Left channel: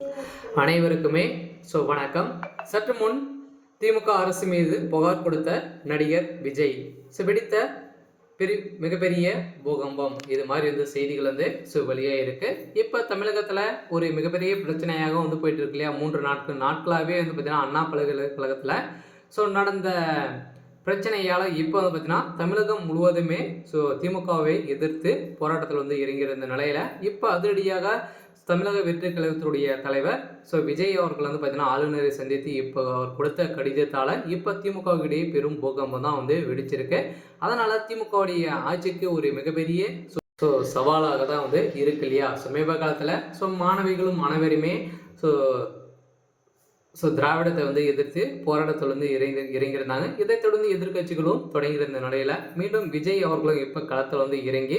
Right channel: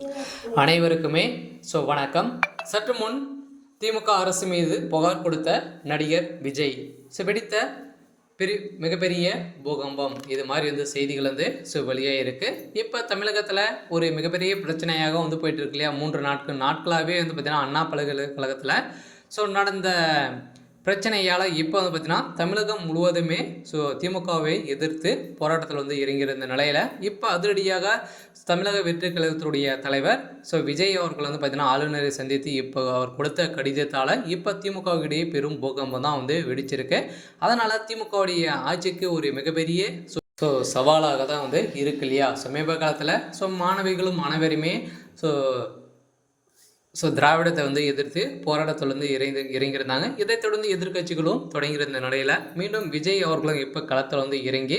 அனைவருக்குமே வணக்கம். சற்று முன் திமுக அரசு மீது புகார் கொடுத்த நடிகர் விஜய் வெடித்த மிகப்பெரிய பூகம்பம் இது மாதிரி செய்திகள் வெளியாக இருக்குது. இப்போ தமிழகத்தில் ஒரு மிகப்பெரிய பிரச்சனையாக போயிட்டு இருக்கு இல்லையா? 3 நாட்களாகவே பார்த்தீங்கன்னா அண்ணா பல்கலைக்கழகத்தில் நடந்த பிரச்சனையால் இப்போ பார்த்தீங்கன்னா தமிழகம் முழுவதுமே திமுகவை எதிர்த்து போராட்டத்தில் இறங்கியிருந்த நிலையில் இப்போ அதிரடியாக தமிழக வெற்றி கழகத்துடைய தலைவர் விஜய் அவர்கள் பார்த்தீங்கன்னா ஆளுநரை சந்தித்து இப்போ அவர் கொடுத்த கடிதத்தால் இப்போ திமுகவிடையே பெரும் பூகம்பம் தான் வெடிச்சிருக்கு. அதனால் திமுகவுடைய ஆட்சிக்கு ஒரு மிகப்பெரிய சவாலாக தான் இருக்கு இல்லையா? சமீப காலத்தில் மாணவிகளும் அனைவருமே திராவிடத்தை எதிர்த்து போராட்டத்தில் இறங்கியிருந்தாங்க. இதைத் தொடர்ந்து எதிர்கட்சிகளும் தொடங்கியிருந்த நிலையில் மீண்டும் விஜய் அவர்களும் இப்போ களத்தில் இறங்கி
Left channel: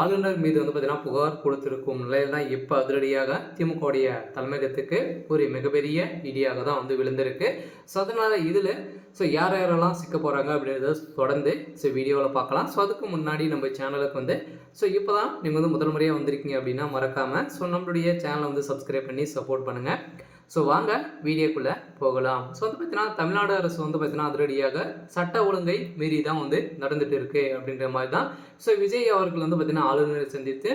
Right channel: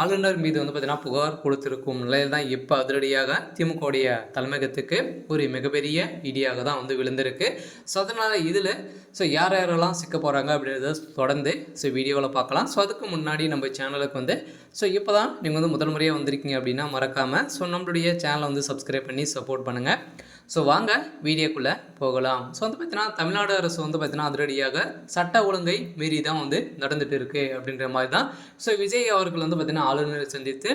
ஆளுநர் மீது பார்த்தீங்கன்னா புகார் கொடுத்திருக்கும் நிலையில் தான் இப்போ அதிரடியாக திமுகவுடைய தலைமையகத்துக்கு ஒரு மிகப்பெரிய இடியாக தான் விழுந்திருக்கு. அதனால் இதில் யாரெல்லாம் சிக்க போகிறாங்க அப்படின்றத தொடர்ந்து வீடியோவில் பார்க்கலாம். அதுக்கு முன்னாடி நம்ம சேனலுக்கு இப்போ தான் நீங்கள் முதல் முறையாக வந்திருக்கீங்க அப்படின்னா மறக்காமல் நம்மளுடைய சேனலை சப்ஸ்கிரைப் பண்ணி சப்போர்ட் பண்ணுங்கள். வாங்க வீடியோக்குள்ளே போகலாம். பார்த்தீங்கன்னா தமிழ்நாடு அரசு பார்த்தீங்கன்னா அதிரடியாக சட்ட ஒழுங்கை மீறி தான் நடந்துட்டு இருக்கு அப்படின்ற மாதிரி தான் விஜய் அவர்கள் பார்த்தீங்கன்னா ஆளுநரை சந்தித்து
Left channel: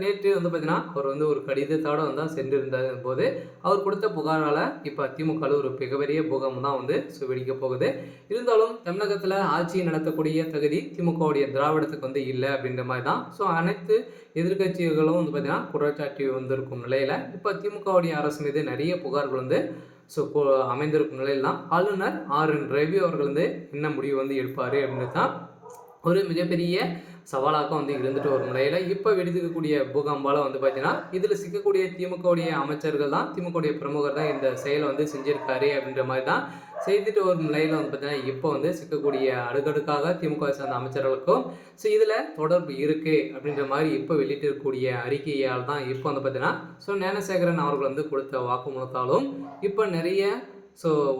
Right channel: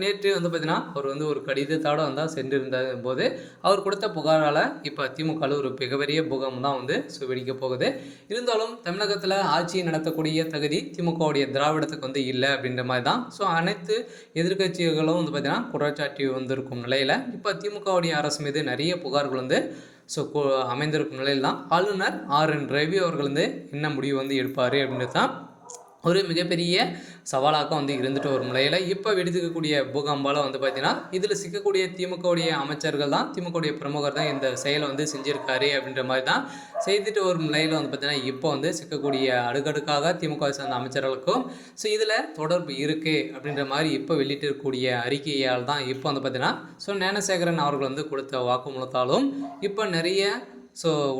நேற்று பார்த்தீங்கன்னா அவர் ஒரு கடிதத்தோடு தான் சென்றிருந்த போது அவர் கொடுத்த புகாரால் இப்போ திமுக ஒரு மிகப்பெரிய பூகம்பம் தான் வெடிக்க போகுது. இருந்தாலும் தமிழகத்தில் ஆட்சி நடத்தக்கூடிய தகுதி திமுகவுடைய திராவிடத்துக்கு இல்லை அப்படின்ற மாதிரி தான் அனைத்து எதிர்கட்சிகளும் பார்த்தீங்கன்னா குற்றச்சாட்டி வந்திருக்கும் நிலையில் இப்போ திமுகவுடைய அரசு மீது நிறைய புகார்கள் அமைந்திருக்கும் நிலையில் தான் ஆளுநர் RN ரவி அவர்கள் என்ன முடிவு எடுப்பார் அப்படின்றது தான் ஒரு மிகப்பெரிய சவாலாக இருந்துட்டு வரும் நிலையில் இப்போ வெடித்துக்கக்கூடிய பூகம்பால் பார்த்தீங்கன்னா இதில் சிக்கக்கூடிய திமுகவுடைய அமைச்சர்கள் தான் திமுகவுடைய பிரமுகர் தான் இந்த செயலை செஞ்சுருக்காரு அப்படின்ற மாதிரி தான் செய்துட்டு வரும் நிலையில் பார்த்தீங்கன்னா இப்போ சிக்கக்கூடிய அடுக்கடுக்காக திமுக சேர்ந்த அமைச்சர்களுக்கும் இதில் தொடர்பு இருக்குது அப்படின்ற மாதிரி இப்போ வெளியிட்டு இருக்கக்கூடிய அறிக்கையால் தான் இப்போ பார்த்தீங்கன்னா ஞானசேகரன் அவர்கள் கொடுத்த வாக்குமூலத்தாலும் இப்போ நிறைய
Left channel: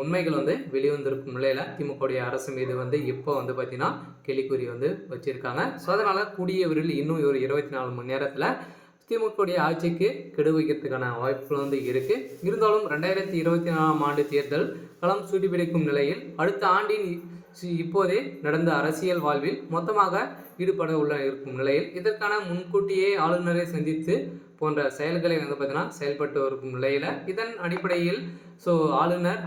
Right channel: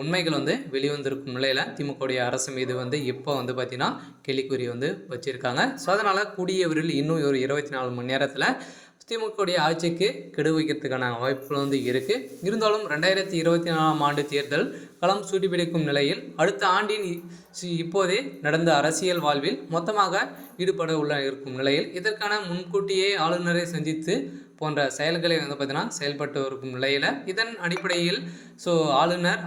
உண்மைகள் வெளிவந்திருக்கும் நிலையில் திமுகவுடைய அரசு மீது இப்போ பார்த்தீங்கன்னா கேள்விக்குறி வச்சுருக்காங்க. அதனால் கூடிய விரைவில் இன்னும் ஒரு 24 மணி நேரத்தில் திமுகவுடைய ஆட்சிக்கு கெடு வைக்கிறதுக்கான வாய்ப்புகள் இருக்குது. இருந்தாலும் 2024ஆம் ஆண்டு தேர்தல் களம் சூட்டிப்பிடிக்கும் நிலையில் அடுத்த ஆண்டின் இப்போதே நடந்த அரசியல் வாழ்வில் மொத்தமாக ஈடுபட இருக்கும் நிலையில் இதற்கான முன்கூட்டியே ஆளுநரை சந்தித்து போன்ற செயல்களை பார்த்தீங்கன்னா செயல்பட்டு இருக்கும் நிலையில் இதன் அடிப்படையில் ஆளுநர்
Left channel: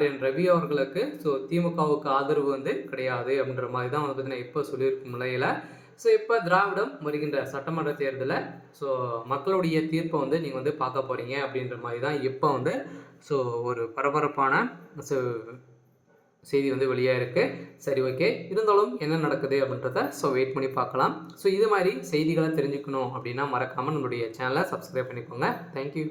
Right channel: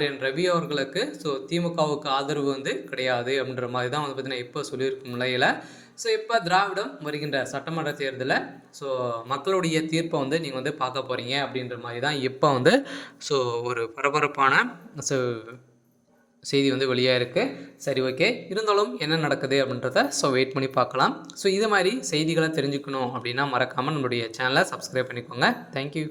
RN ரவி அவர்களுக்கு திமுகவுக்கு ஆதரவு கிடையாது அப்படின்ற மாதிரி தான் பார்த்தீங்கன்னா இப்போ சொல்லியிருக்கும் நிலையில் இப்போ திராவிடம் வருகின்ற சட்டமன்ற தேர்தலில் மக்களுடைய தீர்ப்பை நீங்கள் பார்க்க போகிறீங்க அப்படின்ற மாதிரி தான் இப்போ ஒரு பரபரப்பான செய்தி வெளியாக இருக்குது. சரி, ஓகே. இருந்தாலும் என்ன நடக்குது அப்படின்றத வெயிட் பண்ணி பார்க்கலாம். இது மாதிரி செய்திகளை தெரிஞ்சுக்கணும் அப்படின்னா மறக்காமல் நம்மளுடைய சேனலை சப்ஸ்கிரைப் பண்ணிக்கோங்க. தேங்க்யூ.